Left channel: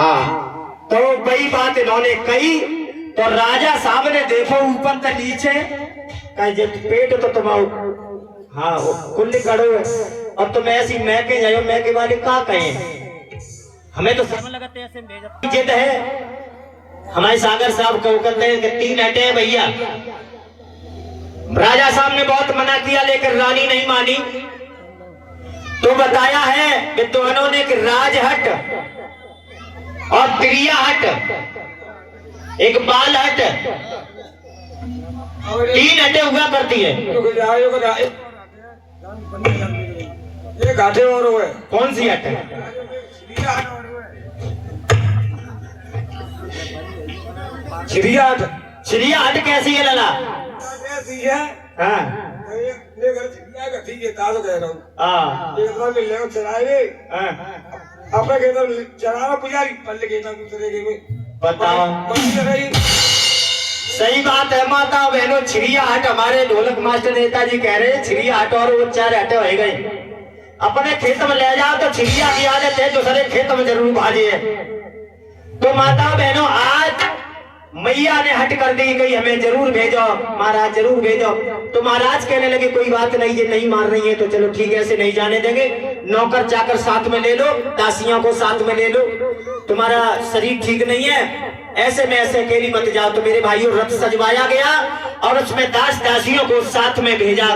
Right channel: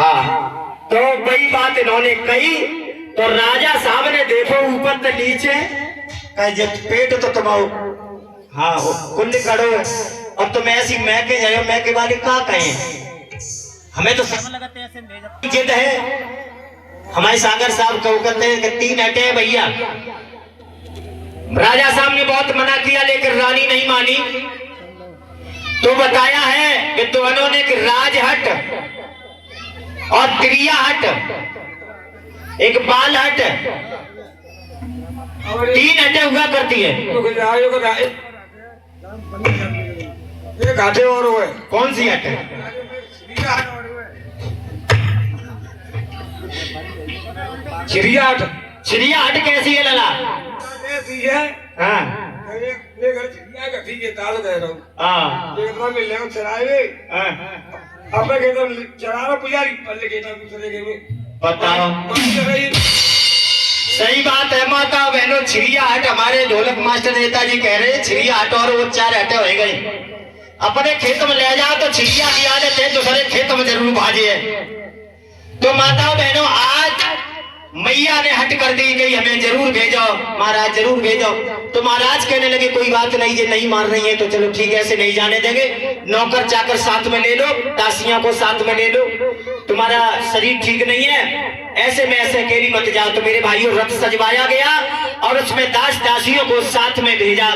हाँ, तो वही बात इन्होंने कही। तो राजा साहब ने देखो ऊपर से नीचे, जब पेट तो तुम्हारा हाँ कुल करो और तुम ऐसी मैं के जाओ, मैं के बारे का कहें, हमें तो जिद है। हमारे सागर साहब को कहते हैं कि 3 हटे हैं भैया। राजा साहब ने बहुत मना किया लेकिन रानी नहीं मानी। तो बताया है कि दोनों ने एक राजहट और क्रियाहट, एक बालहट, 3 हटें हुआ करती है। ये घाटे और वो है। कौन सी हट है? चिड़ियाहट। चिड़ियाहट कैसी है लला? ऐसी है। हाँ ये घर चिड़िया का ठीक है, ताज़ा कह रहा हूँ। हाँ देखना मिलने को चराए रे। अब मैं कहता हूँ चराना पुजारी, पल्ले कहता हूँ दूसरे के में। बताओ। सही बात है माता बहनों। चिड़ियाहट हमारे ढोलक मास्टर नेताजी कह रहे हैं चिड़ियाहट और वो 4 हटे हो गई। अपने खेत में ले जाओ तो चिड़िया की आदत है दूसरे खेत में जरूर भाजे। तो माता बहनों आज मैया ने हट कर दी गई हमें जरूर भेजो महाराज, जरूर भेजो। तो महाराज कहने लगे कोई बात नहीं, ये नहीं मान रही है तो चलो ठीक है, ऐसे नहीं जाने देंगे। नौकर चाकर साथ में ले लो, दासियों को साथ में ले लो, तुम्हारा शरीर ठीक नहीं है, ऐसे में ऐसे अकेली मत जाओ। तो मेरे भाइयों रथ सजवाया गया और उसमें दास दासियों को साथ में भेजा,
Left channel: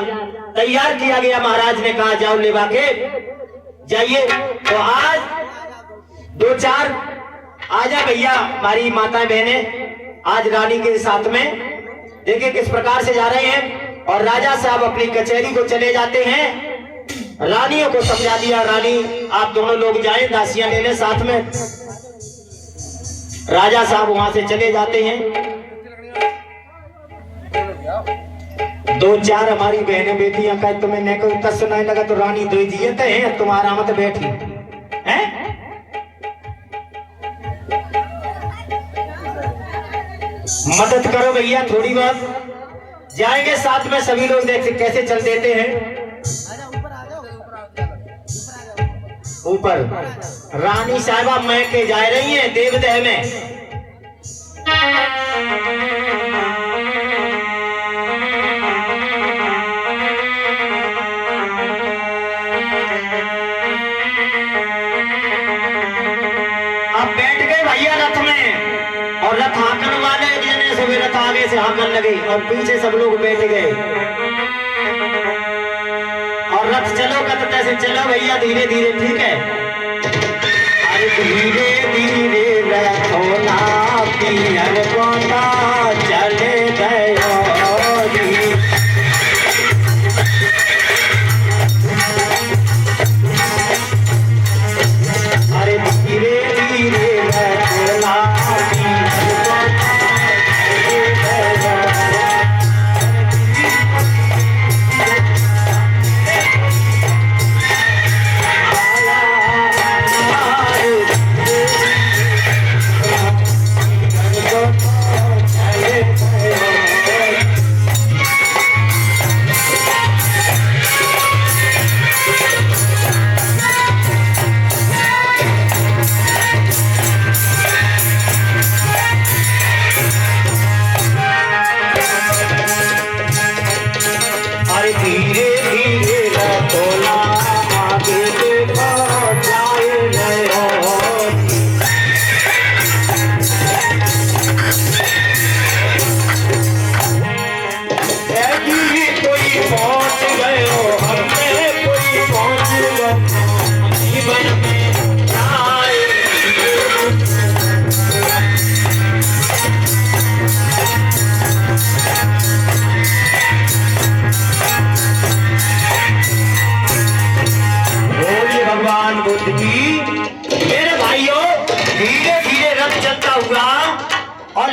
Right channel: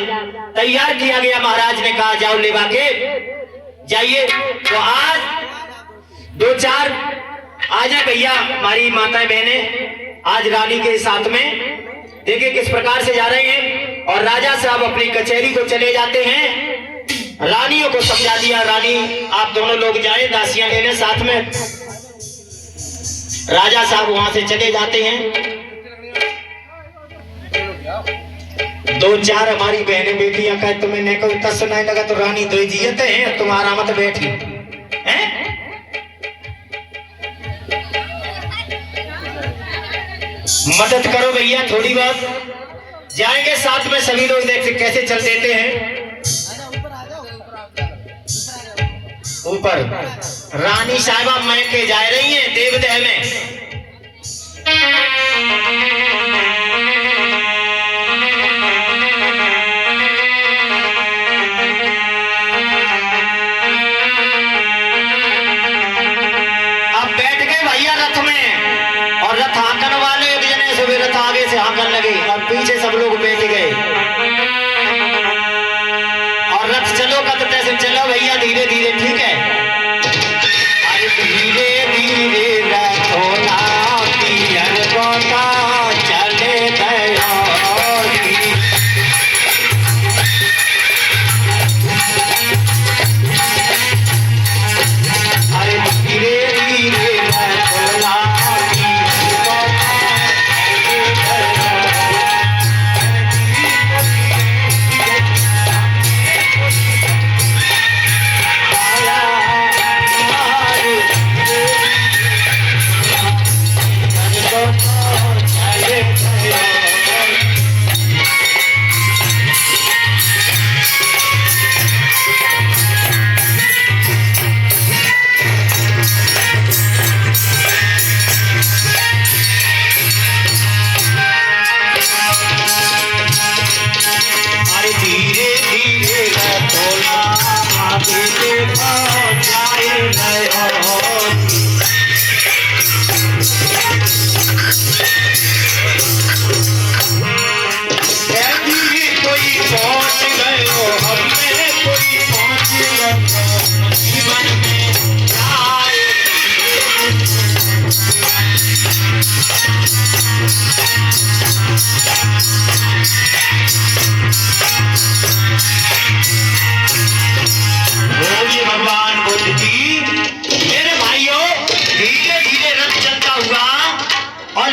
तैयार किया गया। महाराज ने कहा जाओ लेवा के जाइए। तो आज 2-4 आ जाए भैया हमारी माताएं बहनें आज रानी के साथ में। देखिए किस प्रकार से जा रहे हैं। और राजा साहब अपनी कचहरी को चले जाते हैं। रानियों को समझा दिया, रानी आप दोनों लोग जाएं दासियां लेने साथ में। राजा साहब वहां से चले जाते हैं। 2-4 हमारी बहनें बेटियां का तुम्हें नहीं को उत्तर सुनाई लगा तो रानी दो जियत है तुम्हारा मत बैठी है। मदद करो भैया थोड़ी बहुत, जाएंगे साथ में सभी लोग, देखते कैसे चल देते हैं ऊपर। रानी साहिबा मैं के जा रही हैं देवदह में। अब बैठ गए भैया रथ में और रथ हाकन वाले सभी रथ आगे से हाकन लगे और पीछे सब लोग बैठ गए। और रथ चलो का तो कैसे चलो भैया धीरे धीरे, ठीक है। अरे धीरे धीरे रखोना पियर कोना चले गयो। अरे धीरे धीरे रखोना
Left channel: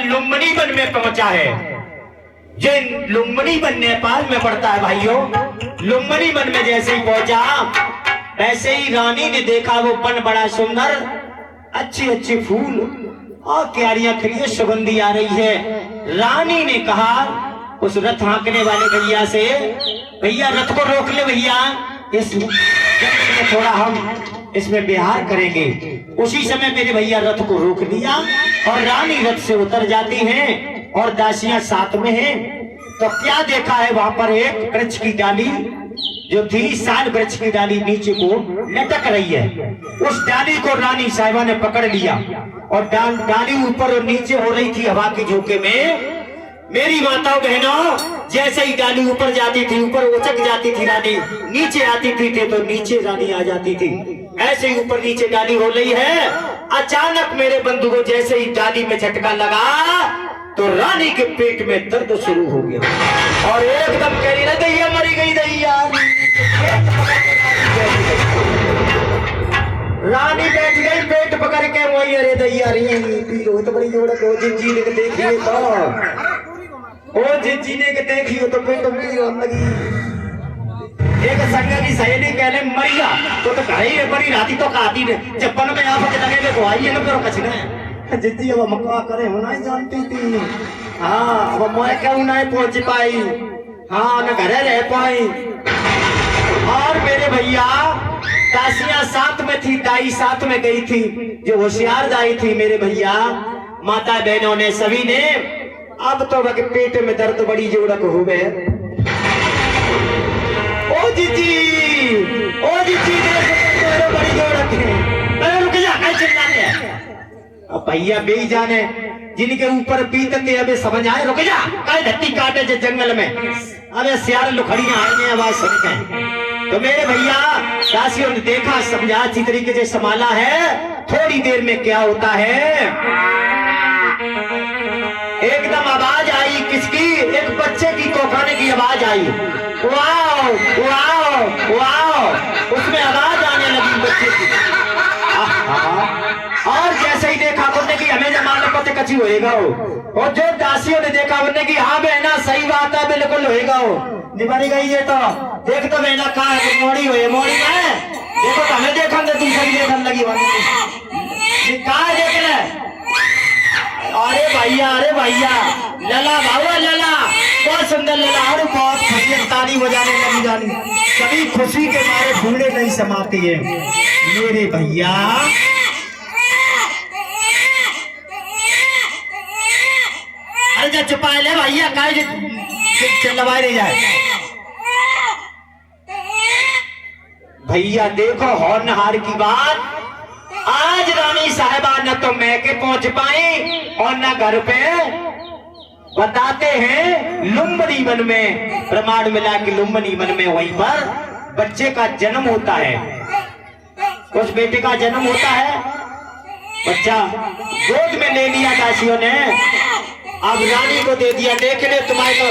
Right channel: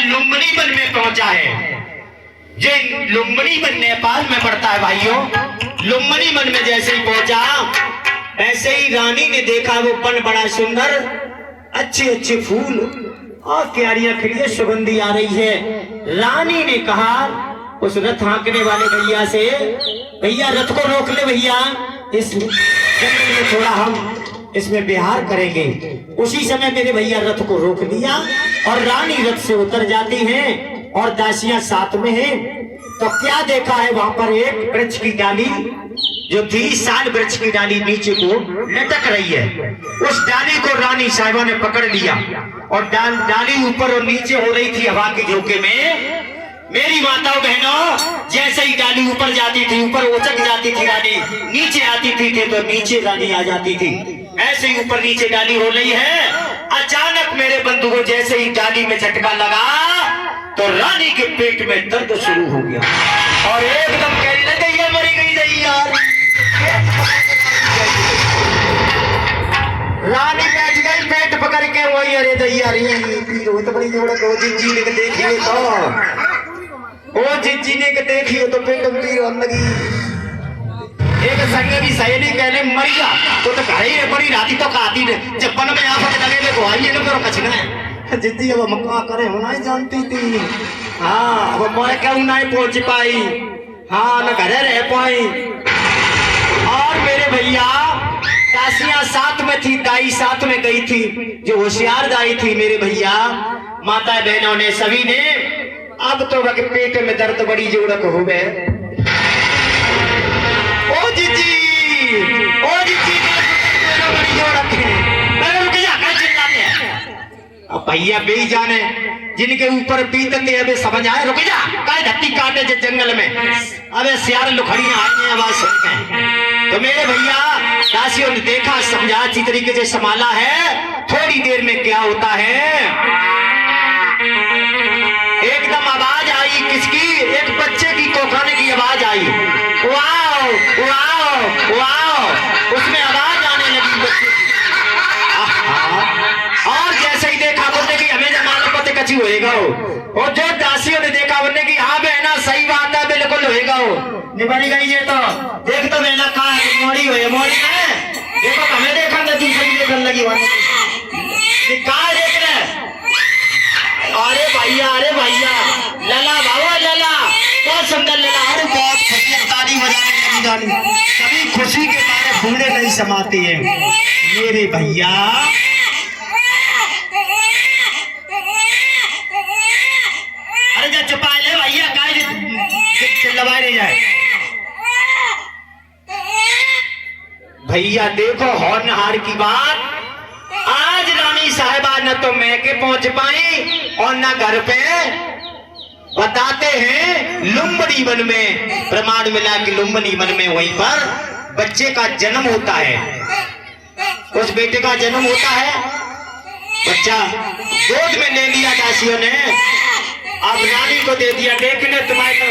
लुम्बिनी वन में पहुंचा है। ये लुम्बिनी वन नेपाल में पड़ता है भाइयों। लुम्बिनी वन में जैसे ही पहुंचा ऐसे ही रानी ने देखा वो वन बड़ा सुंदर, अच्छे अच्छे फूल और क्यारियां खड़ी है, सुगंधी आ रही है। रानी ने कहा उस रथ हाँकने वाले भैया से, भैया रथ को रोक ले भैया, इस जंगल में थोड़ा हम इसमें बिहार करेंगे। उसी समय मेरे भैया रथ को रोक लिया और रानी रथ से उतर जाती हैं और दासियां साथ में हैं। तो क्या देखा है वहां पर एक वृक्ष की डाली जो थी, साल वृक्ष की डाली नीचे को लटक रही है। उस डाली को रानी साहिबा ने पकड़ लिया और डाली ऊपर और नीचे हो रही थी हवा की झोंके में। मेरी माताओं बहनों, जैसे ही डाली ऊपर जाती थी ऊपर उचक जाती थी रानी, नीचे आती थी तो नीचे रानी आ जाती थी। ऐसे ही ऊपर नीचे डाली हो रही है। अचानक मेरे बंधु को जैसे ही डाली में झटका लगा तो रानी के पेट में दर्द शुरू हो गया और एकदम कह रही ना दैया मरी गई दैया। रानी बैठ गई पेट पकड़ के, वही अरे दैया रही तो बड़ी जोड़ को जिंजी ने देखिए तो ओ जिंजी ने देखिए तो पेट में पीर होने लगी। एक संग की सहेली कहने मरिया तो कही रे बड़ी राती तो खाती रे चप्पन में आप लगे देखो आई ये करो कछ ना जिद्दी अब मक्का करे होना ही जानती थी। हाँ अब मैं क्यों नहीं पहुंच पाई, हाँ न घरे रह पाई। और मेरे भैया दासियां साथ में थी, दाई साथ में गई थी, जो होशियार दाई थी मेरे भैया, माता बहनों ने सभी ने अब तो वह पेट में दर्द बड़ी जोड़क हो गए। ओ जीजी देखो बड़ी जोड़क है, रुक जा कल चिल्लाते हैं। अब भैया बेई जाने जिनके ऊपर बीतते अबे समझ आए, रुक जा कल धत्ती काटे जो जंगल में, अबे सियार लुखड़ियां आई हैं आवाज सुन के। तो मेरे भैया दासियों ने देखा, समझा, अच्छी तरीके से संभाला है। थोड़ी देर में क्या होता है, एकदम आवाज आई किसकी, एक बच्चे की कोखाने की आवाज आई। वाओ वाओ वाओ, उसमें आवाज आने लगी बच्चे की। और जैसे ही देखा बोलने की हमें जमाना पता कची होएगा और जो दासियों ने देखा बोलने की हाँ बहना सही बात है बिल्कुल होएगा निबड़ी गई ये तो देख तो बहना कहा मोड़ी हुई मोड़ी है देखो तो हमें देखा ना दूसरी देखने लगी कहा देख रहे। अरे भैया लला बाबा लला बहुत सुंदर लला, अरे बहुत खुशी ताली बजाने लगी जानी, कभी खुशी के मारे फूले नहीं समाते हैं मेरे भैया। अरे जब चुपा ले भैया काहे चिल्लवाए नहीं जाए। भैया देखो होनहार की बात, आज रानी साहिबा न तो मैके पहुंच पाई और न घर पे। बताते हैं लुम्बनी वन में प्रमाण मिला कि लुम्बनी वन में वहीं पर बच्चे का जन्म होता है, उस बेटे का जन्म होता है। बच्चा गोद में ले लिया दासियों ने, अब रानी को दे दिया। देखने तुम्हारे को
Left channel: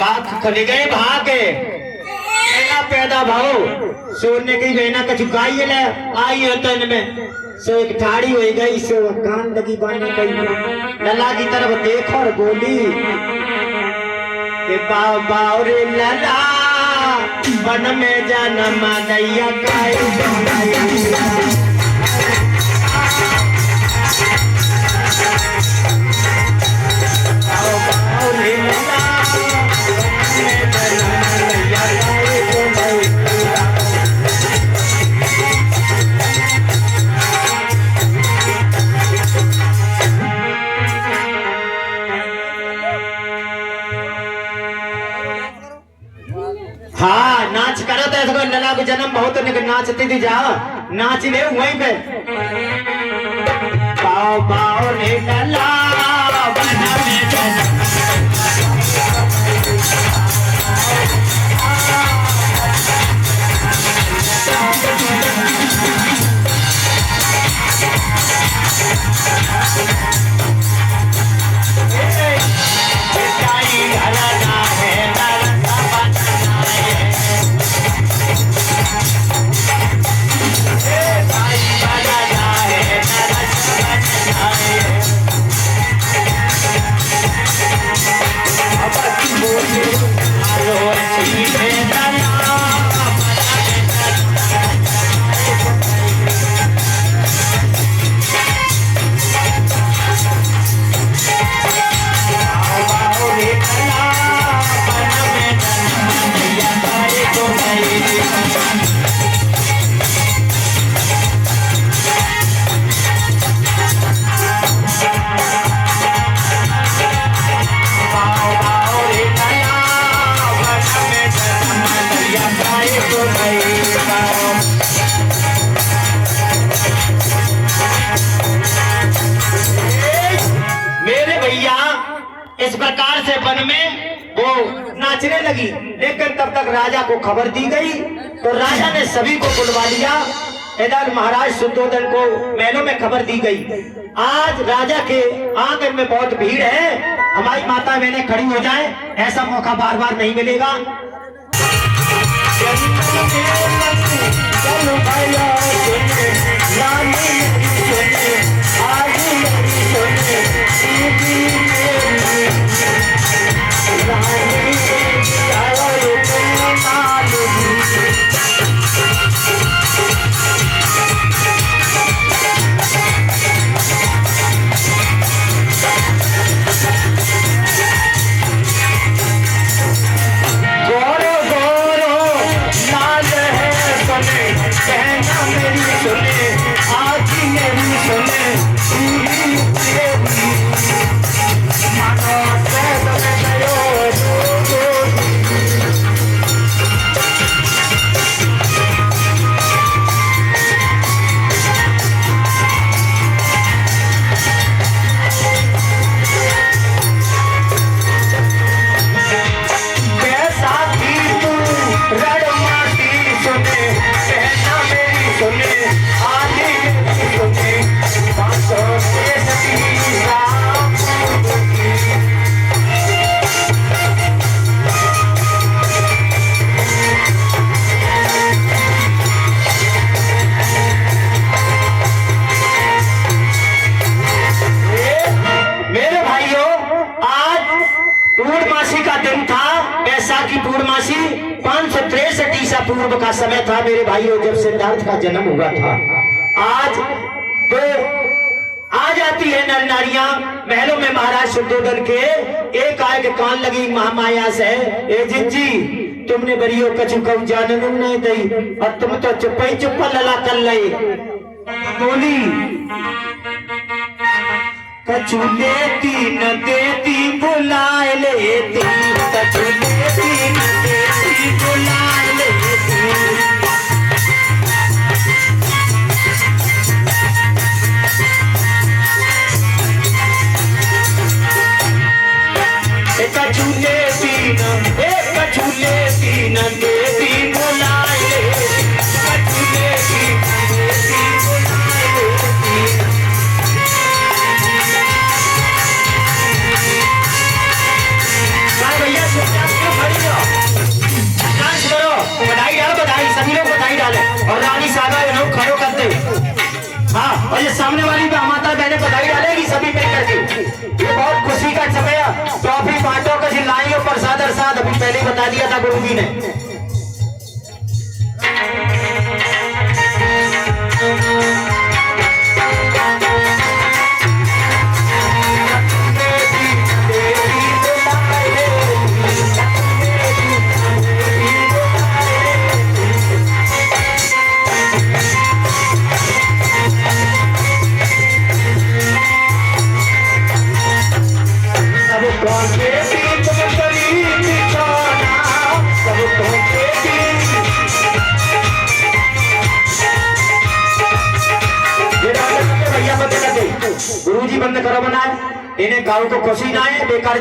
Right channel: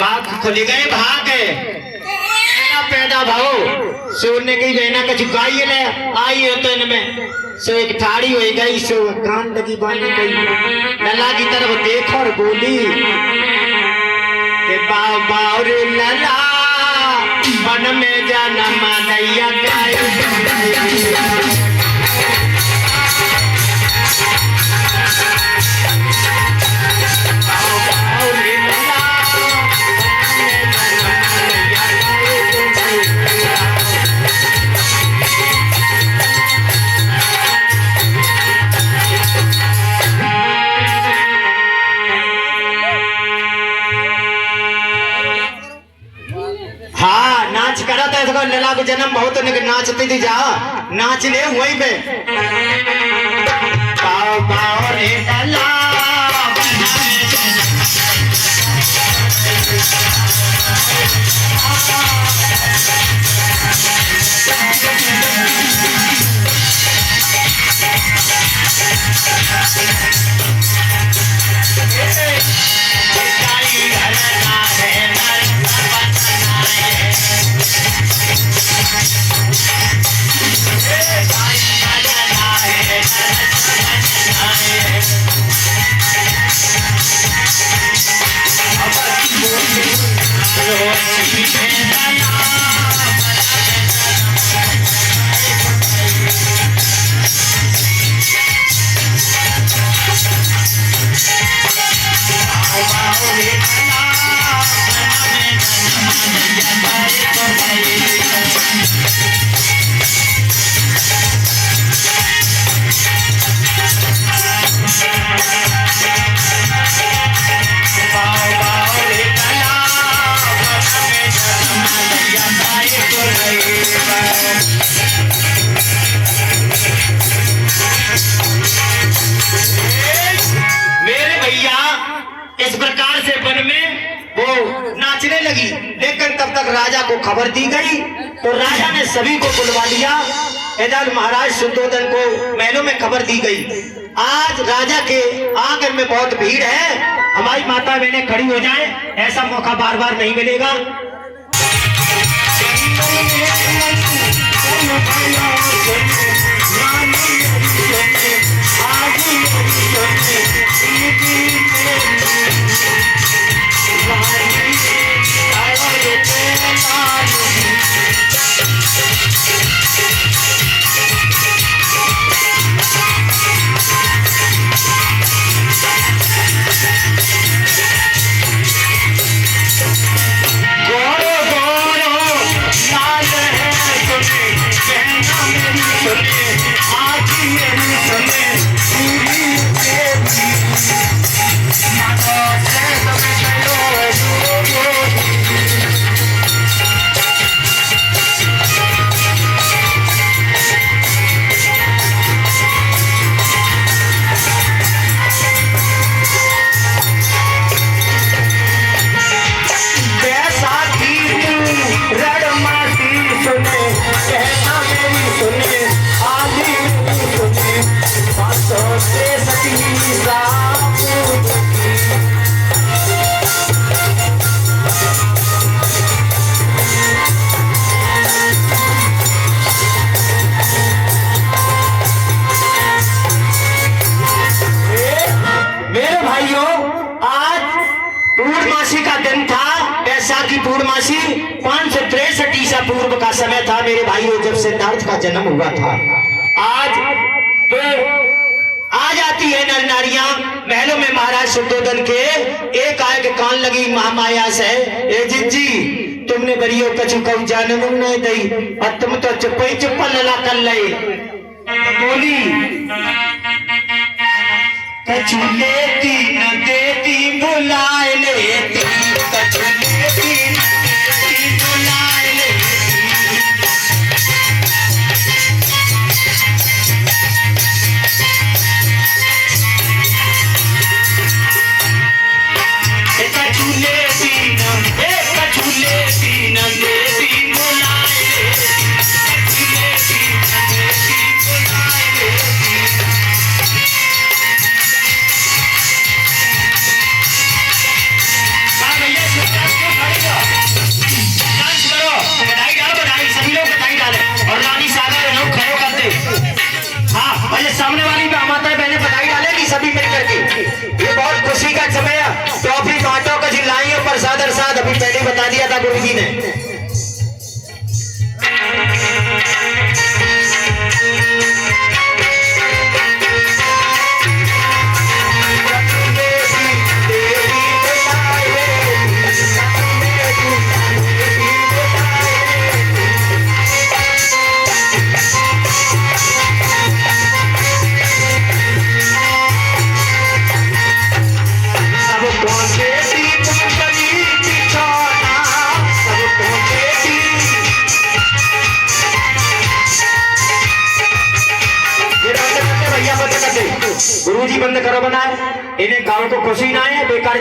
बाप खुले गए भाग पैदा भाव सोने की बहना का चुकाई ले आई हो तो इनमें सो एक ठाड़ी हो गई, सो कान लगी बांधने गई। लला की तरफ देखो और बोली कि बाव बाव रे लला वन में जन्म नैया लला को जन्म बहुत नाचती थी, जाओ नाच ले वहीं पे। बाव बाव रे लला भैया इस प्रकार से वन में वो नाचने लगी, लेकिन तब तक राजा को खबर दी गई। तो राजा ने सभी को बुलवा लिया। इधर महाराज शुद्धोधन को महलों में खबर दी गई, आज राजा के आंगन में बहुत भीड़ है, हमारी माता बहनें खड़ी हो जाएं, ऐसा मौका बार बार नहीं मिलेगा। पूर्णमासी 563 ईसा पूर्व का समय था मेरे भाइयों, जब सिद्धार्थ का जन्म हुआ था। आज तो आ जाती है नर नारियां महलों में महाराज शुद्धोधन के, एक आय के कान लगी महामाया से, ए जिज्जी तुमने बरियो कछु कऊ जाने न दई, और तुम तो चुप ही चुप लला कर ले। बोली कछु लेती न देती बुलाए लेती, कछु लेती न देती बुलाए लेती। कछु लेती न देती बुलाए लेती, कछु लेती न देती बुलाए लेती। भैया क्यों खड़ी हो? डांस करो, बधाई डालो, बधाई सभी लोग बधाई डाले, और रानी सागा लोग खड़ो करते। हाँ, और ये सामने वाली माता बहने बधाई डालेगी सभी मिल करके। ये बहुत खुशी का समय है, टॉफी बांटो का जिलाइयों प्रसाद अरसाद अभी पहले बता दिया था गुरु जी ने। गुरु जी बंद करो बनाए, इन्हें गाँव को खुशी ना है, बेकार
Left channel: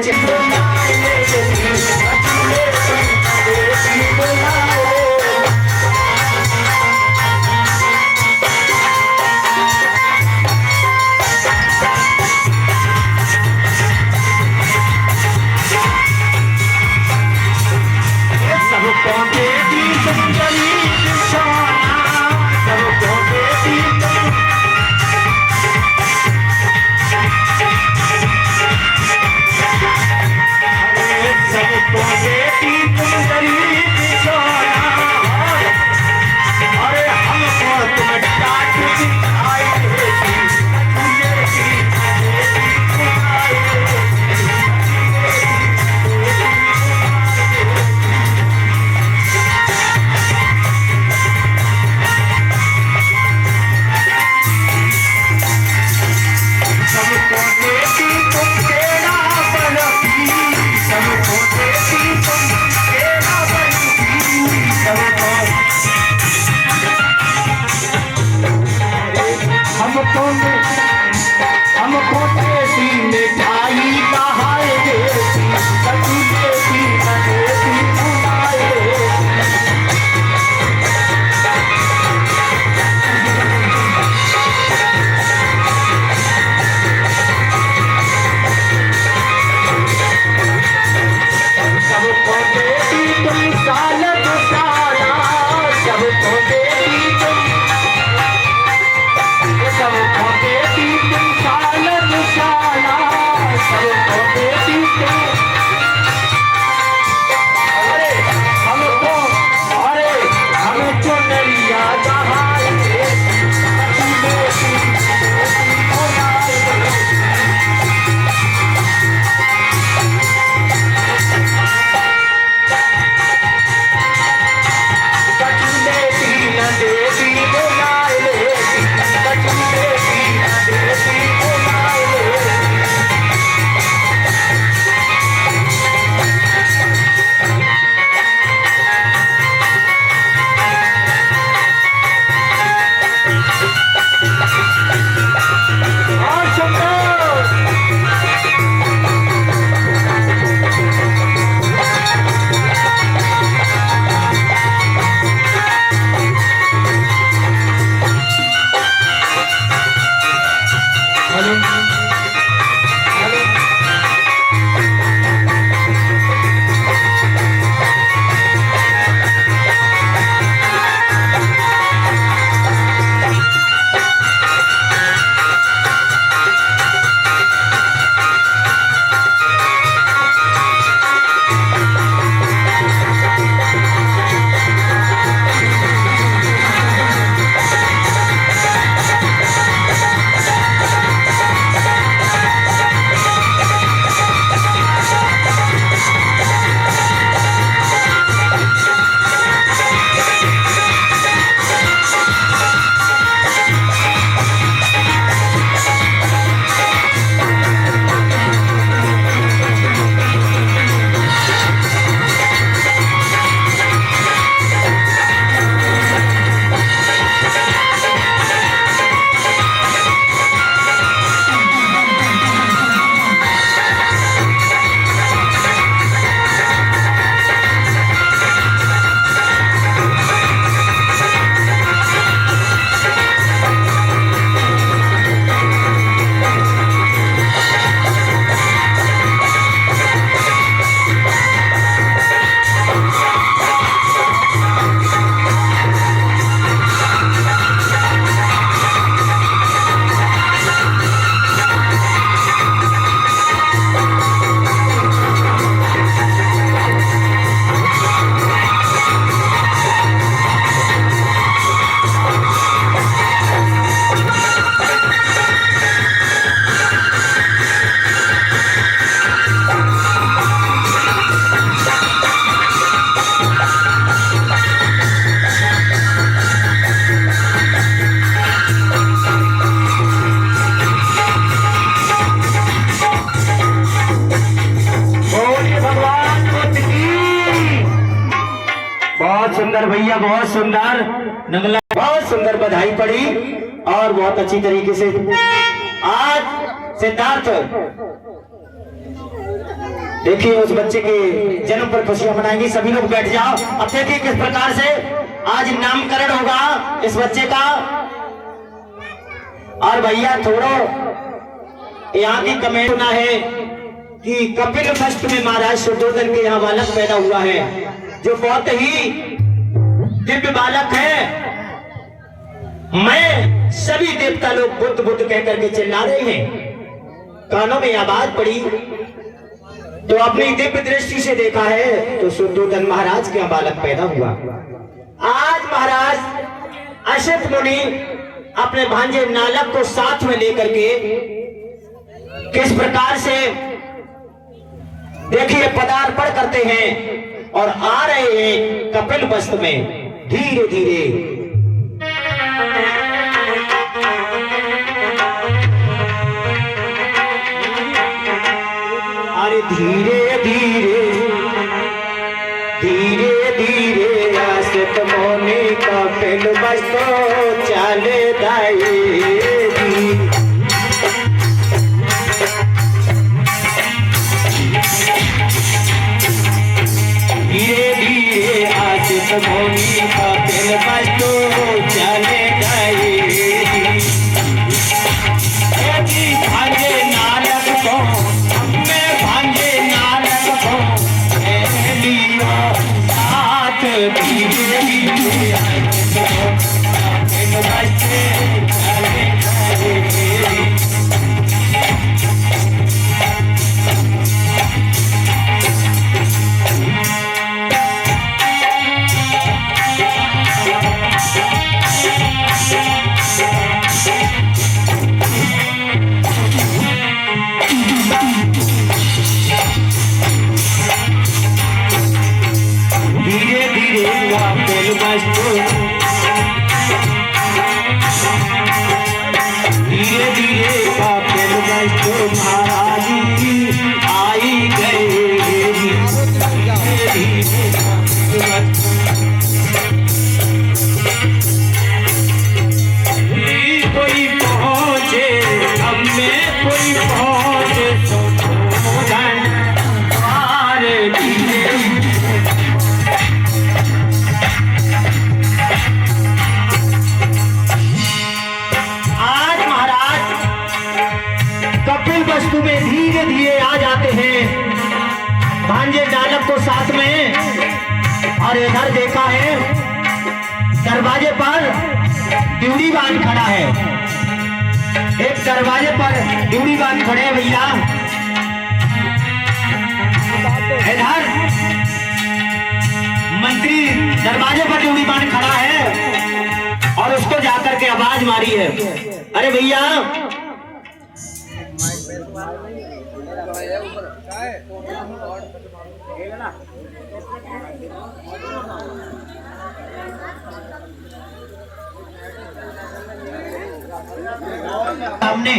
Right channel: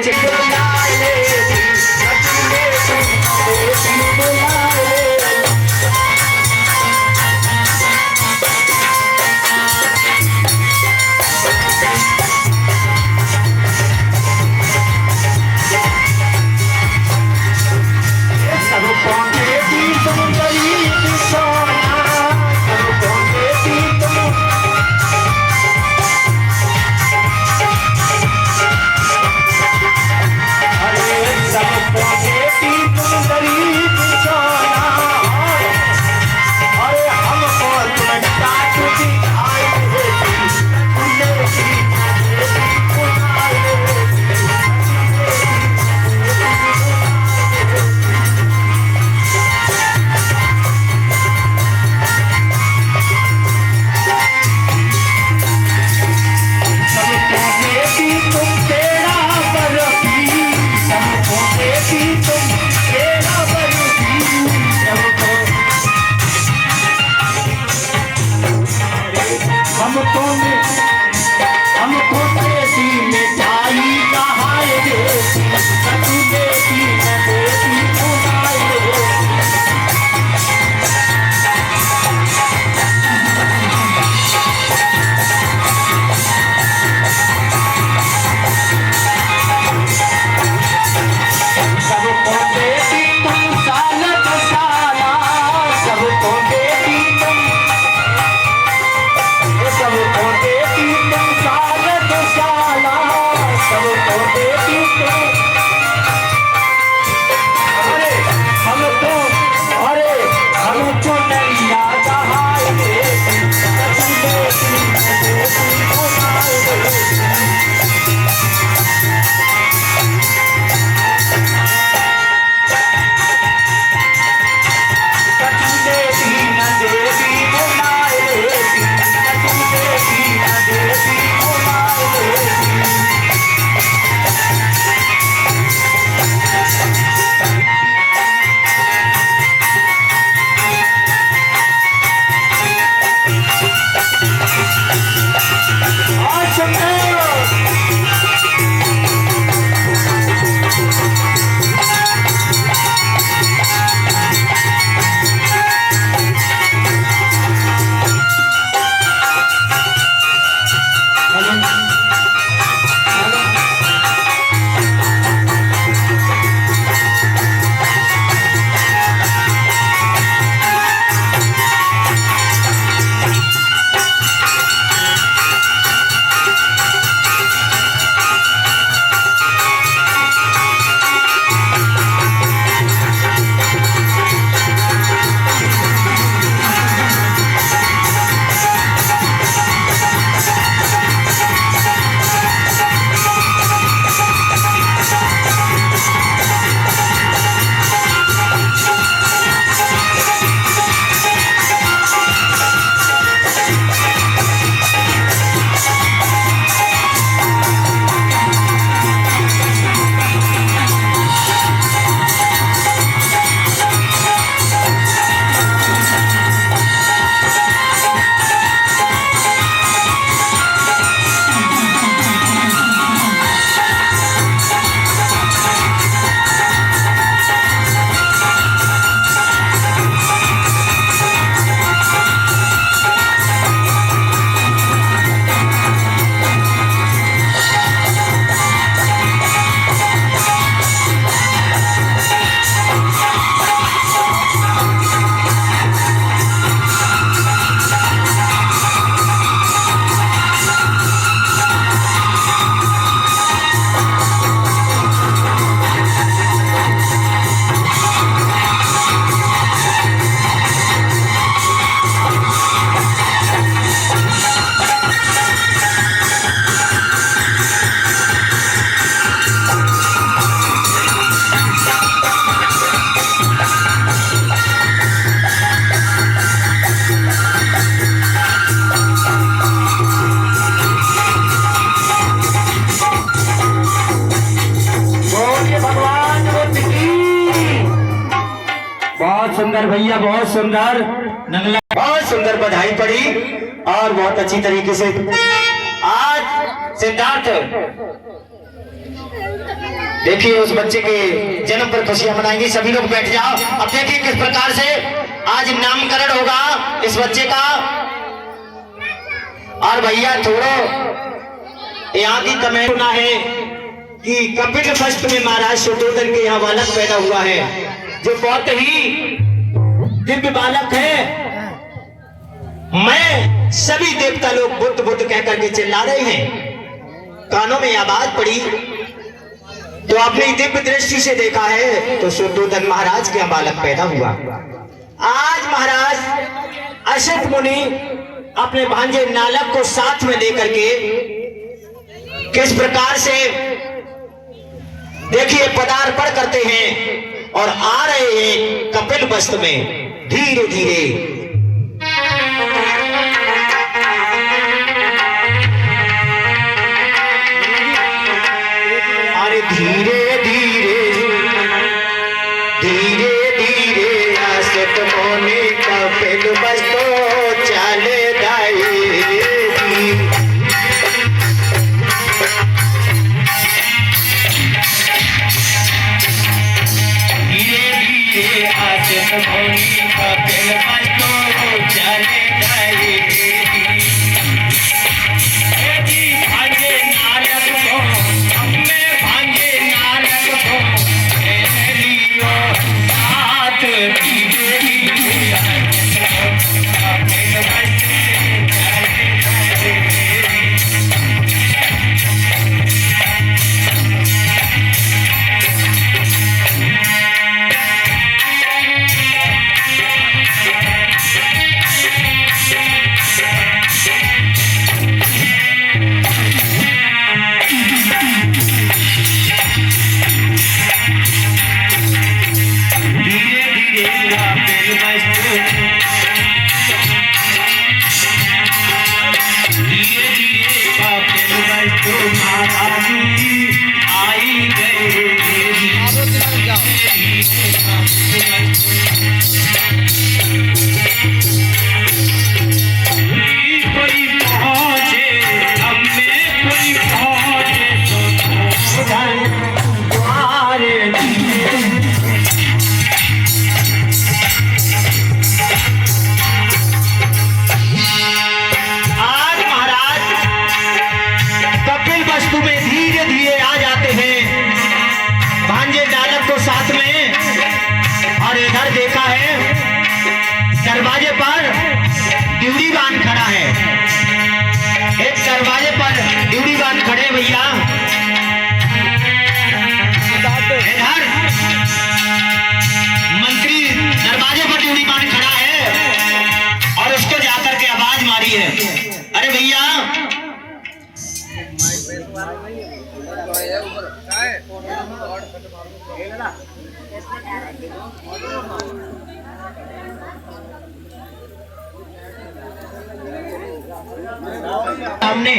हमको देती मिठाई भैया बहुत सुंदर नगला, बहुत सुंदर बधाई पड़ी और बहुत अच्छी तरीके से आज सिद्धार्थ देखिए उस बच्चे के जन्म पर खुशियां मनाएंगी। सभी लोग बैठ जाओ। अब देखिए किस प्रकार से आज नामकरण होगा इस बच्चे का। और भैया थोड़ा यहाँ की कमेंट सुना है कि कपिल वस्तु में महाराज शुद्धोधन के यहाँ बालक पैदा हुआ है जो बहुत ही दिव्य बालक है। मैं सभी देवता लोग बुद्ध बुद्ध कह करके चिल्ला रहे हैं। कानों में आवाज पड़ी तो अपनी दिव्य दृष्टि से देखा है तो शुद्धोधन महाराज के यहाँ बालक पैदा हुआ। आज महाराज असित मुनि अपने भांजे नालक को साथ में लेकर के किस प्रकार से देखिए पदार्पण करते हैं और आ रहे हैं कपिल वस्तु में धीरे धीरे। अरे धीरे धीरे धीरे धीरे आसित मुनि कपिल वस्तु चले जाएगी। धीरे धीरे आसित मुनि कपिल वस्तु चले जाएगी। भांजे नारद को हमने भांजे नारद को लियो साथ। धीरे धीरे आसित कपिल वस्तु चले जाएगी। कोई पहुंचे हमें बान खड़ा है। एक दरवाजे पर ड्यूटी बान खड़े हैं भैया। इधर मंत्री दरवाजे पर ड्यूटी बान खड़ा है और उसको जाकर के आवाज मारी है, अरे भैया हमने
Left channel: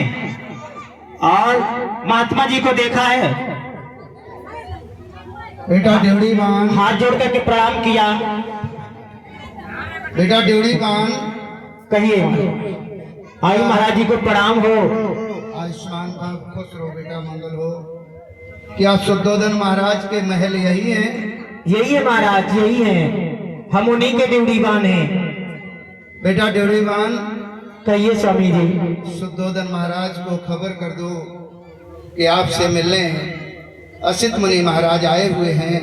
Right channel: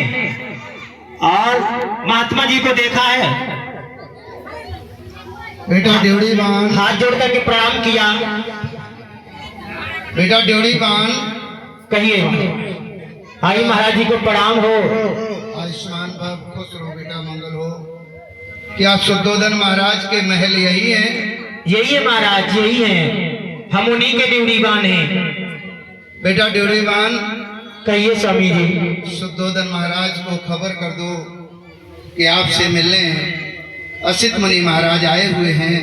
और महात्मा जी को देखा है। बेटा ड्यूटी बान, हाथ जोड़ करके प्रणाम किया। बेटा ड्यूटी बान, कहिए आई महाराज जी को प्रणाम हो। आयुष्मान भव, खुश रहो बेटा, मंगल हो। क्या शुद्धोधन महाराज के महल यही है? यही है महाराज, यही है, हम उन्हीं के ड्यूटी बान हैं। बेटा ड्यूटी बान, कहिए स्वामी जी। शुद्धोधन महाराज को खबर कर दो कि आपसे मिलने असित मुनि महाराज आए हुए हैं।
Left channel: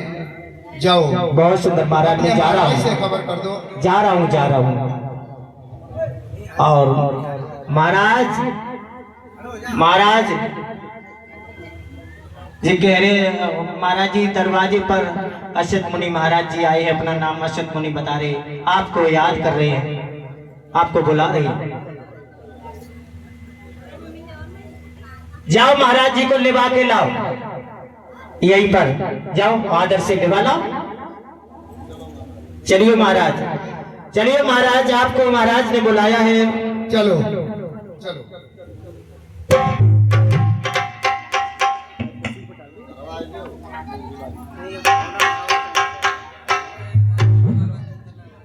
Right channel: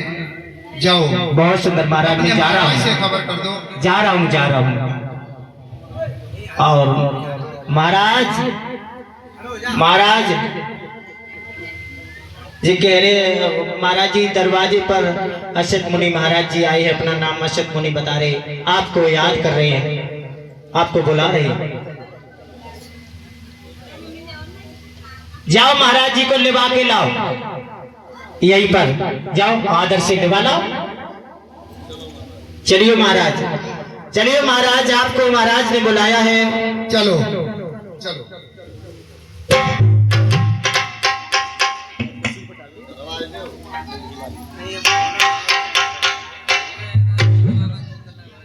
जाओ। बहुत सुंदर महाराज, मैं जा रहा महाराज से हूँ, खबर कर दो। जा रहा हूँ, जा रहा हूँ। और महाराज जी कह रहे, महाराज जी दरवाजे पर असित मुनि महाराज जी आए हैं, अपना नाम असित मुनि बता रहे, आपको याद कर रहे हैं, आपको बुला रहे हैं। जाओ महाराज जी को लिवा के लाओ, यहीं पर जाओ, आदर से लिवा लाओ। चलिए महाराज, चलिए महाराज, आपको महाराज ने बुलाया है। चलो चलो।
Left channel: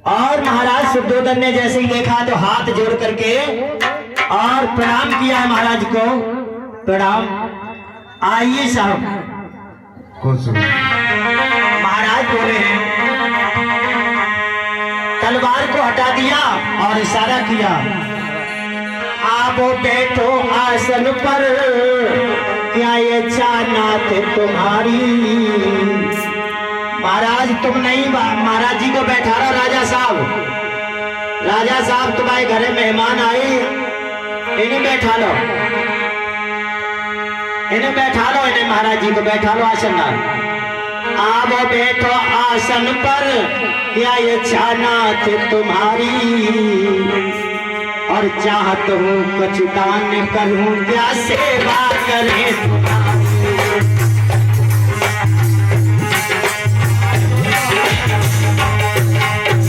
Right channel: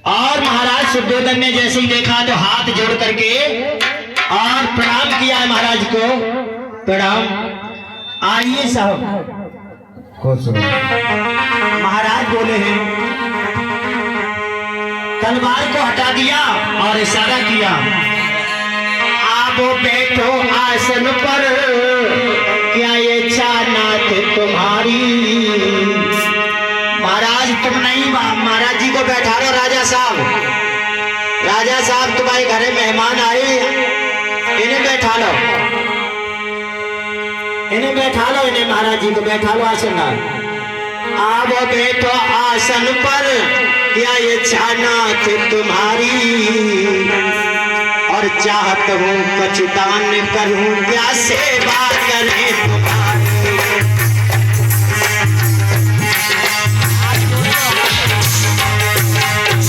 और महाराज शुद्धोधन ने जैसे ही देखा तो हाथ जोड़ करके और प्रणाम किया महाराज को। प्रणाम। आइए साहब। खुश रहो। महाराज बोले हैं, तलवार को हटा दिया और इशारा किया, आप बैठो आसन पर, क्या ये चाहत तुम्हारी। महाराज तुम नहीं, महाराज जी को बैठा रहा राजा साहब। राजा साहब तुम्हारे घर में मेहमान आए, इन्हें बैठा लो, इन्हें बैठा लो, इन्हें महाराज जी को बैठा लो आसन पर। आप बैठो आसन पर, क्या ये चाहत तुम्हारी, और चाहत हूँ कुछ दान करूँ, क्या सेवा करे तुम्हारी।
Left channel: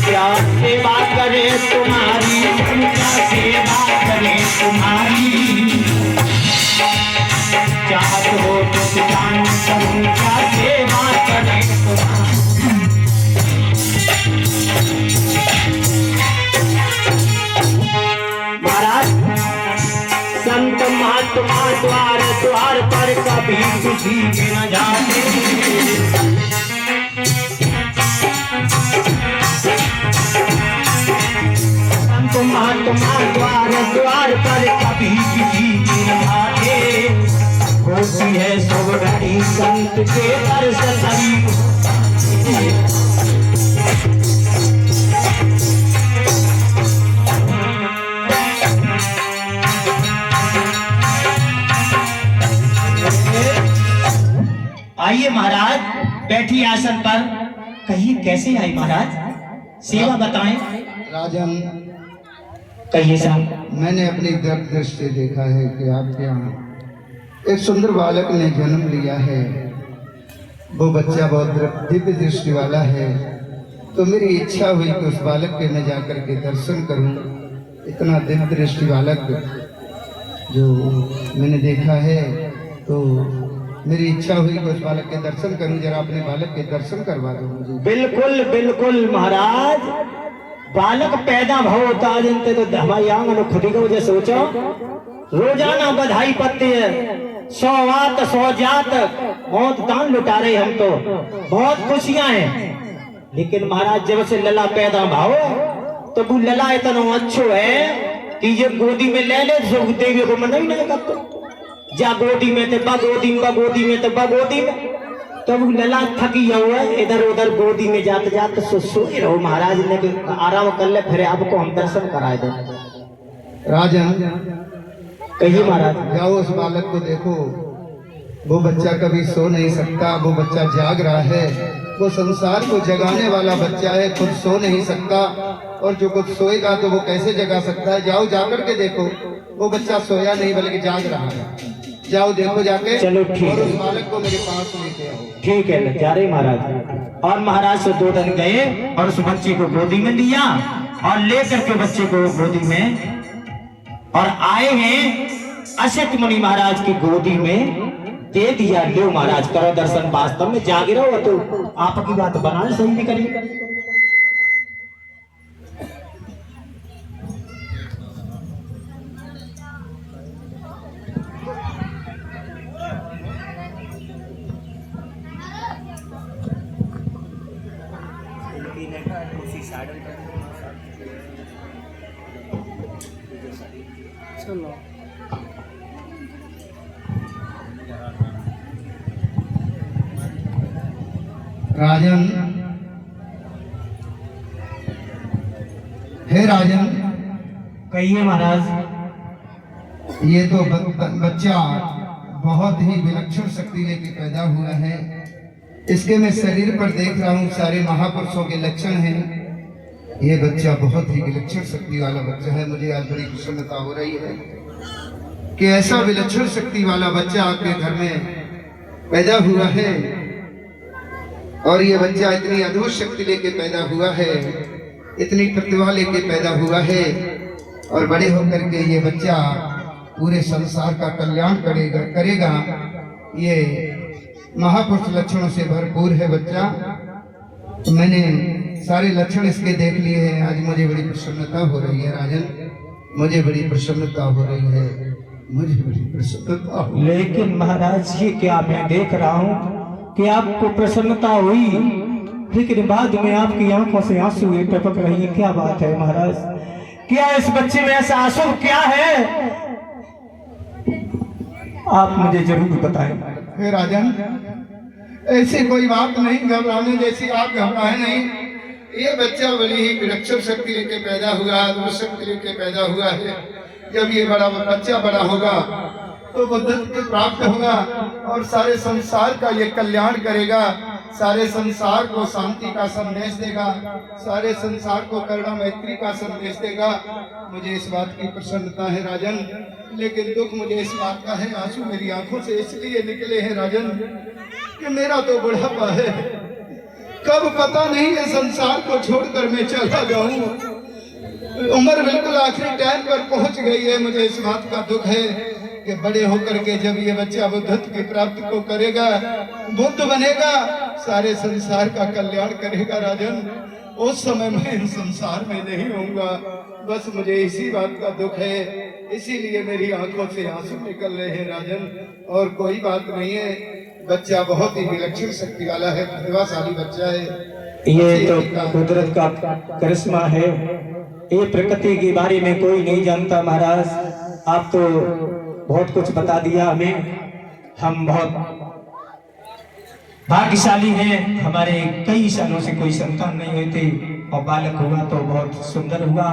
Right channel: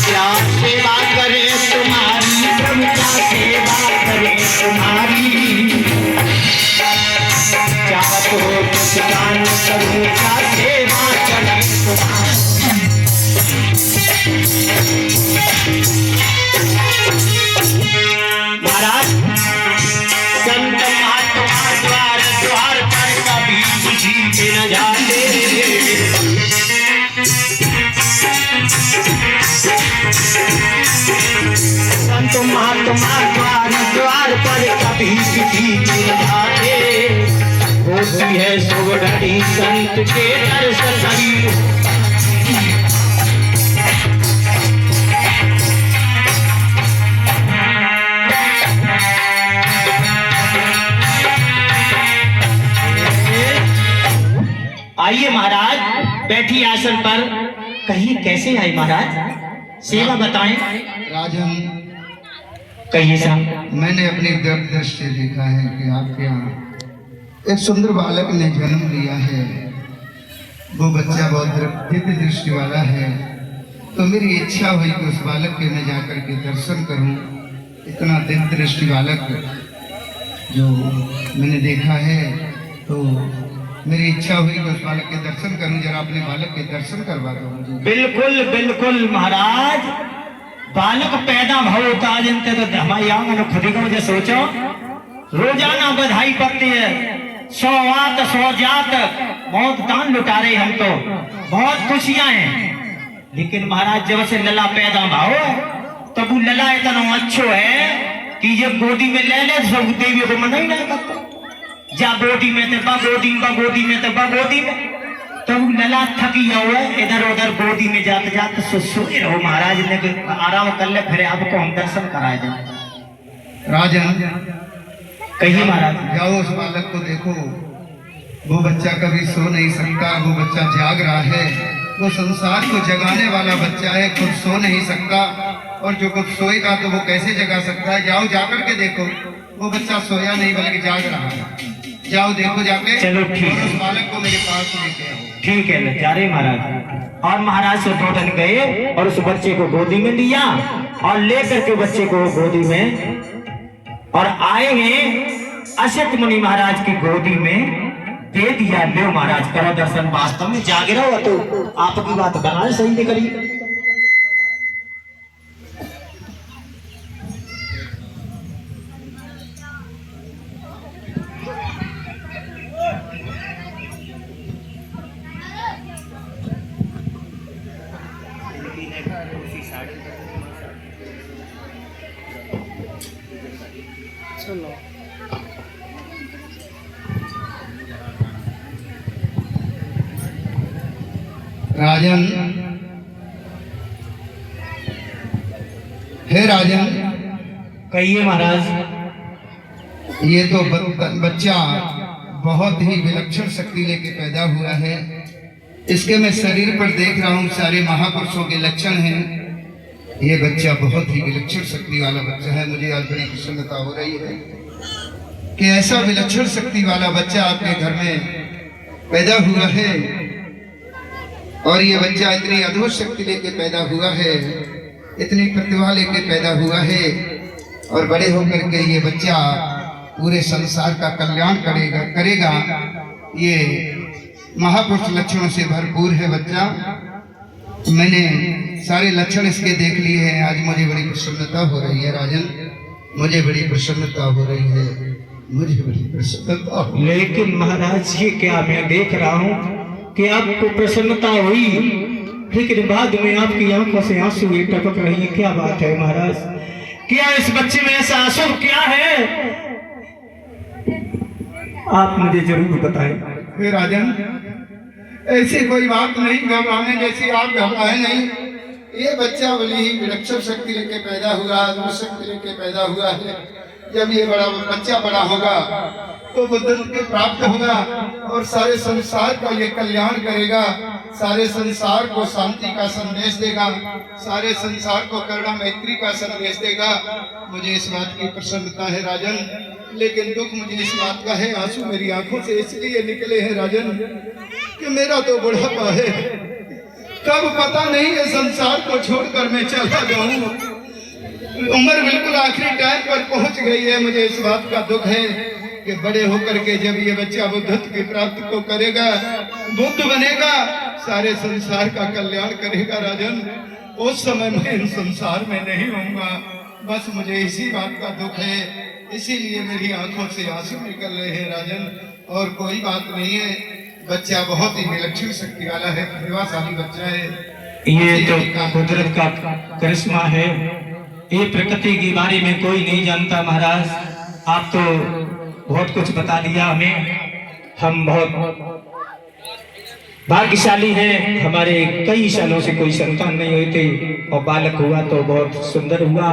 क्या सेवा करे तुम्हारी, क्या सेवा करे तुम्हारी, चाहत हो कुछ दान करूँ, क्या सेवा करे तुम्हारी। महाराज संत महात्मा द्वार द्वार पर कभी किसी के न जाते, संत महात्मा द्वार द्वार पर कभी किसी के न जाते, होती है सुगढ़ी संत के दर्शन करी। आइए महाराज, बैठी आसन पर, कहिए कैसे आई महाराज, सेवा बताएं। राजन, कहिए साहब। मैंने अपनी दृष्टि से देखा है कि आपके यहाँ एक सुंदर बालक ने जन्म लिया है। वो बच्चा बहुत दिव्य दृष्टि वाला है, तो मेरी इच्छा हुई कि उस बालक के मैं जाकर के दर्शन करूं। इतना दिव्य दृष्टि बालक जो मैंने देखा है, तो मेरी इच्छा हुई कि उस बालक के दर्शन करूं। जरा अपने बालक के दर्शन करवा रहा हूँ जी। बिल्कुल बिल्कुल महाराज, बालक पैदा होता जनते तो हमारी आंगन खुद को जो सोचो, रोजाना बधाई पड़ती है, 100 आत 100 जात बहुत दान लुटा रहे हम तो, बहुत खुशियां हैं। लेकिन महाराज जब से लला पैदा भाव, तो वो लला इतना अच्छो है कि ये गोदी में ले ले सब देवी को मना ही नहीं करते। जा गोदी में तो बगोदी में, बगोदी में तो बगोदी में, तब लला थकी जाओ इधर उधर गोदी में जाते जाते सोए रहो। महाराज ने आराम कर ले, फिर आपको हम दर्शन कराए दे। राजन, कहिए महाराज। जाओ उस बालक को देखो, वो बच्चा कभी सो नहीं सकता, वो बच्चा जाग रहा है, वो संसार को जगाने वाला बच्चा है, खुद सो नहीं सकता, और जो खुद सोएगा तो वो कैसे जगा सकता है। जाओ जाकर के देखो, वो बच्चा सोया नहीं बल्कि जाग रहा है। जाओ देखो जाके, चलो ठीक और है। उस बालक को मेरे पास लेके आओ। ठीक है, जा रहे महाराज। और महाराज से 2 जन गए और उस बच्चे को गोदी में लिया और लेकर के बच्चे को गोदी में और आए हैं असित मुनि महाराज की गोदी में दे दिया। ले महाराज, करो दर्शन। वास्तव में जागे रहो तो आपकी बात बनाए सही निकली। राजन, हे राजन, कहिए महाराज। ये तो बच्चा बहुत ही विलक्षण शक्ति लेके पैदा हुआ है। इसके मैं शरीर पर देख रहा हूँ सारे महापुरुषों के लक्षण हैं। ये बच्चा बहुत ही विलक्षण शक्ति वाला बच्चा है। मुझे आज बड़ी प्रसन्नता हो रही है कि ऐसा विलक्षण शक्ति वाला बच्चा आपके घर में पैदा हुआ है, और ये बच्चा इतनी अद्भुत शक्ति लेके पैदा हुआ है, इतनी प्रतिभा लेके पैदा हुआ है, और बड़े होकर के ये बच्चा पूरे संसार का कल्याण करेगा। ये महापुरुष लक्षणों से भरपूर है बच्चा। मैंने सारे लक्षण इसके देख लिए हैं। आज मुझे बड़ी प्रसन्नता हो रही है राजन, मुझे बड़ी प्रसन्नता हो रही है, मुझे बड़ी प्रसन्नता। लेकिन महाराज ये क्या मैं देख रहा हूँ कि आपको प्रसन्नता हुई, लेकिन बाद में आपकी आंखों से आंसू ये टपक रही है। क्या बात है महाराज? क्या इस बच्चे में ऐसा आंसू क्या है? आप मुझे जरूर बताएं। हे राजन, ऐसी कोई बात नहीं, घबराने जैसी आप घबराए नहीं। ये बच्चा बड़ी ही विलक्षण शक्ति लेके पैदा हुआ है, अद्भुत शक्ति लेके पैदा हुआ है। जब ये बच्चा बड़ा होगा तो वो बुद्धि प्राप्त होगा और सारे संसार का ये कल्याण करेगा, सारे संसार को शांति का संदेश देगा, सारे संसार को करुणा मैत्री का संदेश देगा। मुझे इस बात की प्रसन्नता है राजन, लेकिन दुख मुझे इस बात का है, आंसू मेरी आंखों से इसलिए निकले हैं राजन कि मेरा तो बुढ़ापा है, कब पता नहीं है संसार को छोड़कर मैं चला जाऊं। उम्र बिल्कुल आखिरी टाइम पर पहुंच गई है। मुझे इस बात का दुख है कि बड़े होकर के जब ये बच्चा बुद्धत्व की प्राप्ति को करेगा, बुद्ध बनेगा, सारे संसार का कल्याण करेगा राजन, उस समय मैं इन संसार में नहीं होऊंगा। बस मुझे इसी बात का दुख है, इसीलिए मेरी आंखों से आंसू निकल रहे हैं राजन, और कोई बात नहीं है। बच्चा बहुत ही विलक्षण शक्ति वाला है, प्रतिभाशाली बच्चा है। ये तो कुदरत का करिश्मा है। ये प्रकृति के बारे में कोई नहीं जानता महाराज। आप तो बहुत कुछ बता दिया हमें, हम बहुत भाग्यशाली हैं। हमारे कई सालों से कोई संतान नहीं हुई थी और बालक हुआ तो बहुत सुंदर हुआ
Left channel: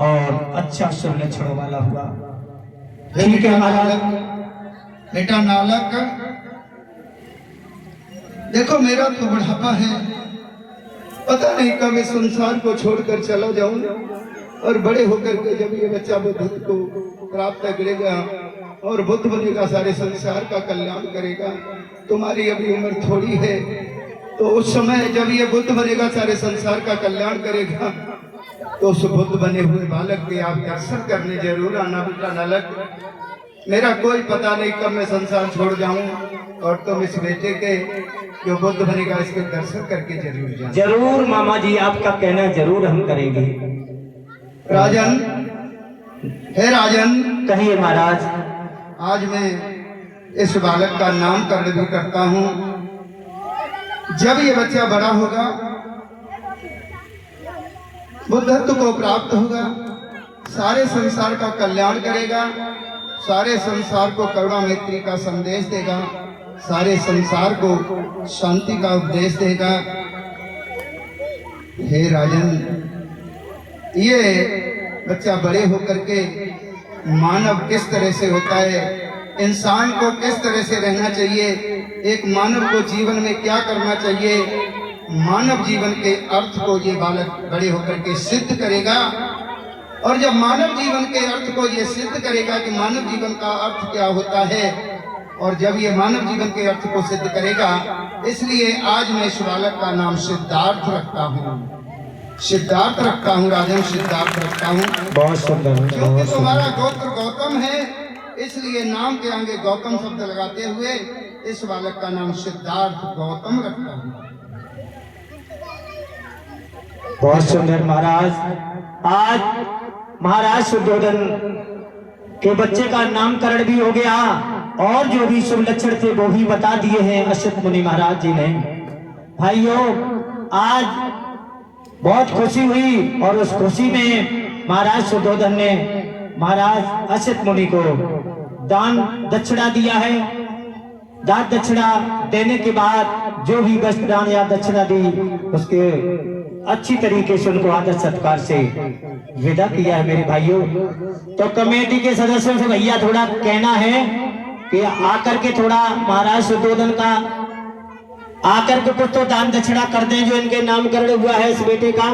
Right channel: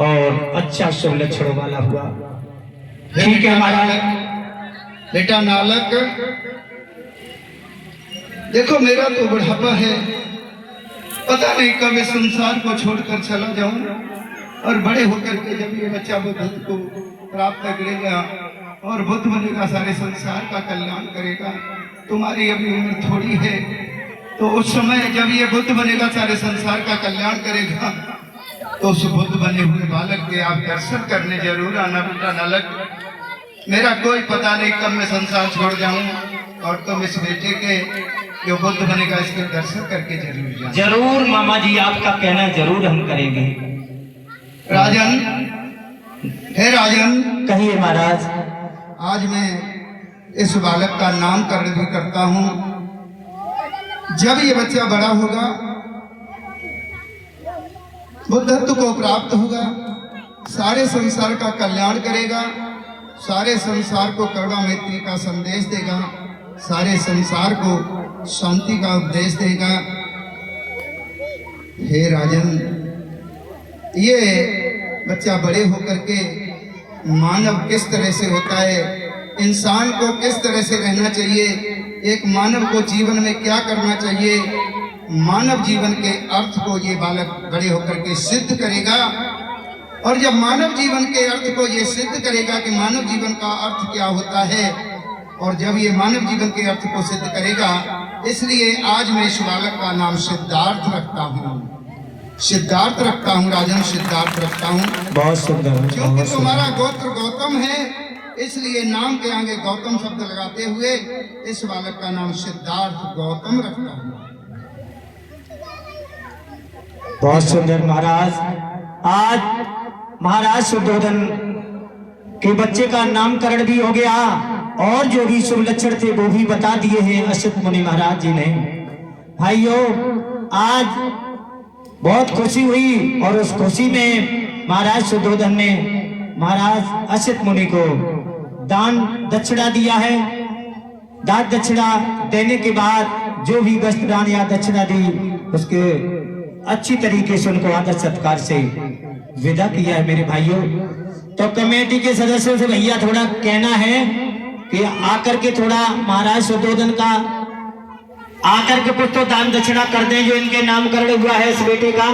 और अच्छा शुभ लक्षणों वाला हुआ। ठीक है महाराज। बेटा नालक, देखो मेरा तो बुढ़ापा है, पता नहीं कब इस संसार को छोड़कर चला जाऊं, और बड़े होकर के जब ये बच्चा बुद्ध को प्राप्त करेगा और बुद्ध बनेगा, सारे संसार का कल्याण करेगा। तुम्हारी अभी उम्र थोड़ी है, तो उस समय जब ये बुद्ध बनेगा, सारे संसार का कल्याण करेगा, तो उस बुद्ध बने हुए बालक के आप दर्शन करने जरूर आना बेटा नालक। मेरा कोई पता नहीं कब मैं संसार छोड़ जाऊं, और तुम इस बेटे के जो बुद्ध बनेगा इसके दर्शन करके जरूर जाना। जरूर मामा जी, आपका कहना जरूर हम करेंगे। राजन, हे राजन, कहिए महाराज। आज मैं इस बालक का नामकरण भी करता हूँ। जब ये बच्चा बड़ा होगा, बुद्धत्व को प्राप्त होगा, सारे संसार का कल्याण करेगा, सारे संसार को करुणा मैत्री का संदेश देगा, सारे संसार को शांति का उपदेश देगा। हे राजन, ये बच्चा बड़े होकर के मानव किस तरह से होता है, इंसान को किस तरह से रहना चाहिए, एक मानव को जीवन में क्या करना चाहिए, मानव जीवन के अर्थ को ये बालक बड़े होकर के सिद्ध करेगा। और जब मानव जीवन के अर्थ को ये सिद्ध करेगा कि मानव जीवन का अर्थ क्या होता है, और जब ये मानव जीवन के अर्थ को सिद्ध करेगा, इसलिए आज मैं इस बालक का नाम सिद्धार्थ रखता हूँ। सिद्धार्थ रखता हूँ, राजन सिद्धार्थ रखता हूँ। बहुत सुंदर, क्योंकि तुम्हारा गोत्र गौतम है, इसलिए नाम के आगे गौतम शब्द लगाते हुए इस बालक का नाम सिद्धार्थ गौतम रखता हूँ। बहुत सुंदर महाराज। आज महाराज शुद्धोधन के बच्चे का नामकरण भी हो गया और जो भी शुभ लक्षण थे वो भी बता दिए हैं असित मुनि महाराज जी ने। भाइयों, आज बहुत खुशी हुई और उस खुशी में महाराज शुद्धोधन ने महाराज असित मुनि को दान दक्षिणा दिया है। दान दक्षिणा देने के बाद जो भी वस्त्र दान या दक्षिणा दी, उसके अच्छी तरीके से उनको आदर सत्कार से विदा किया है। मेरे भाइयों, तो कमेटी के सदस्यों से भैया थोड़ा कहना है कि आकर के थोड़ा महाराज शुद्धोधन का आकर के कुछ तो दान दक्षिणा कर दें, जो इनके नामकरण हुआ है इस बेटे का,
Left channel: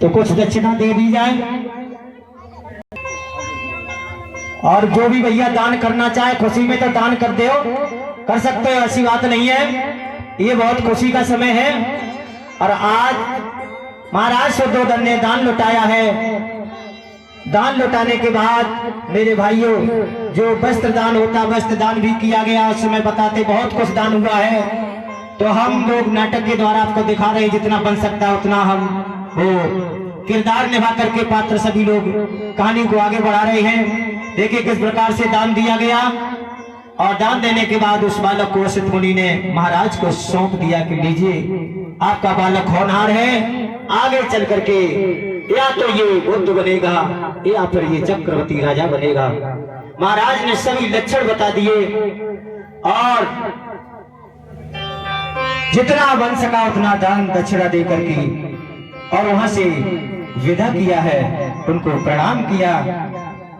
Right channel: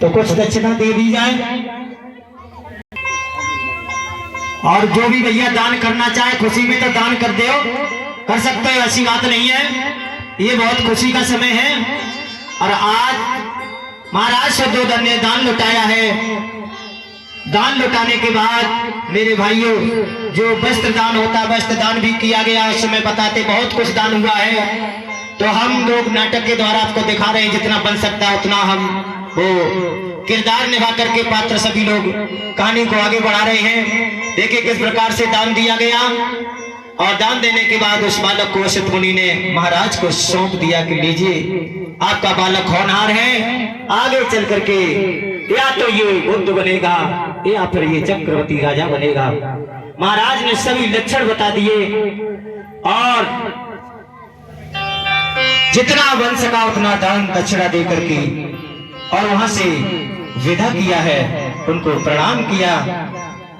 तो कुछ दक्षिणा दे दी जाए। और जो भी भैया दान करना चाहे खुशी में तो दान कर दो, कर सकते हो, ऐसी बात नहीं है। ये बहुत खुशी का समय है और आज महाराज शुद्धोधन ने दान लुटाया है। दान लुटाने के बाद मेरे भाइयों, जो वस्त्र दान होता, वस्त्र दान भी किया गया। उस समय बताते बहुत कुछ दान हुआ है, तो हम लोग नाटक के द्वारा आपको दिखा रहे हैं, जितना बन सकता है उतना हम वो किरदार निभा करके पात्र सभी लोग कहानी को आगे बढ़ा रहे हैं। देखिए किस प्रकार से दान दिया गया, और दान देने के बाद उस बालक को असित मुनि ने महाराज को सौंप दिया कि लीजिए, आपका बालक होनहार है, आगे चल करके या तो ये बुद्ध बनेगा या फिर ये चक्रवर्ती राजा बनेगा। महाराज ने सभी लक्षण बता दिए और जितना बन सका उतना दान दक्षिणा दे करके और वहां से विदा किया है। उनको प्रणाम किया,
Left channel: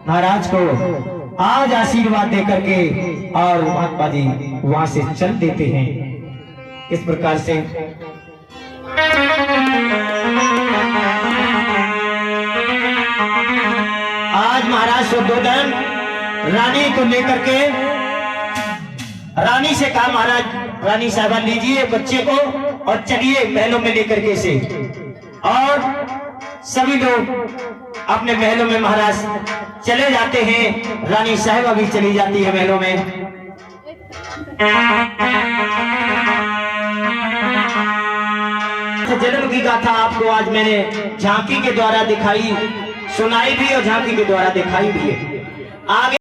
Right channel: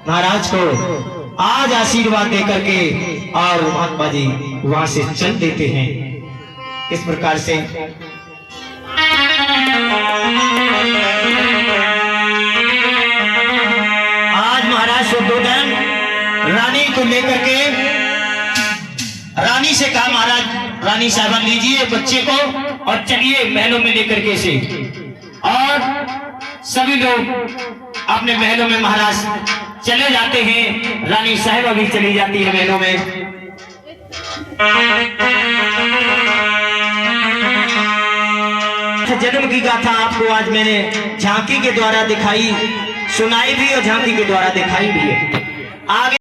महाराज को आज आशीर्वाद दे करके, और महात्मा जी वहां से चल देते हैं। इस प्रकार से आज महाराज शुद्धोधन रानी को लेकर के, रानी से कहा, महाराज रानी साहब लीजिए बच्चे को और चलिए महलों में लेकर के से। और सभी लोग अपने महलों में महाराज चले जाते हैं। रानी साहब भी चली जाती है महलों में। जन्म की गाथा आपको आज मैंने झांकी के द्वारा दिखाई, सुनाई भी और झांकी के द्वारा दिखाई भी है। आगे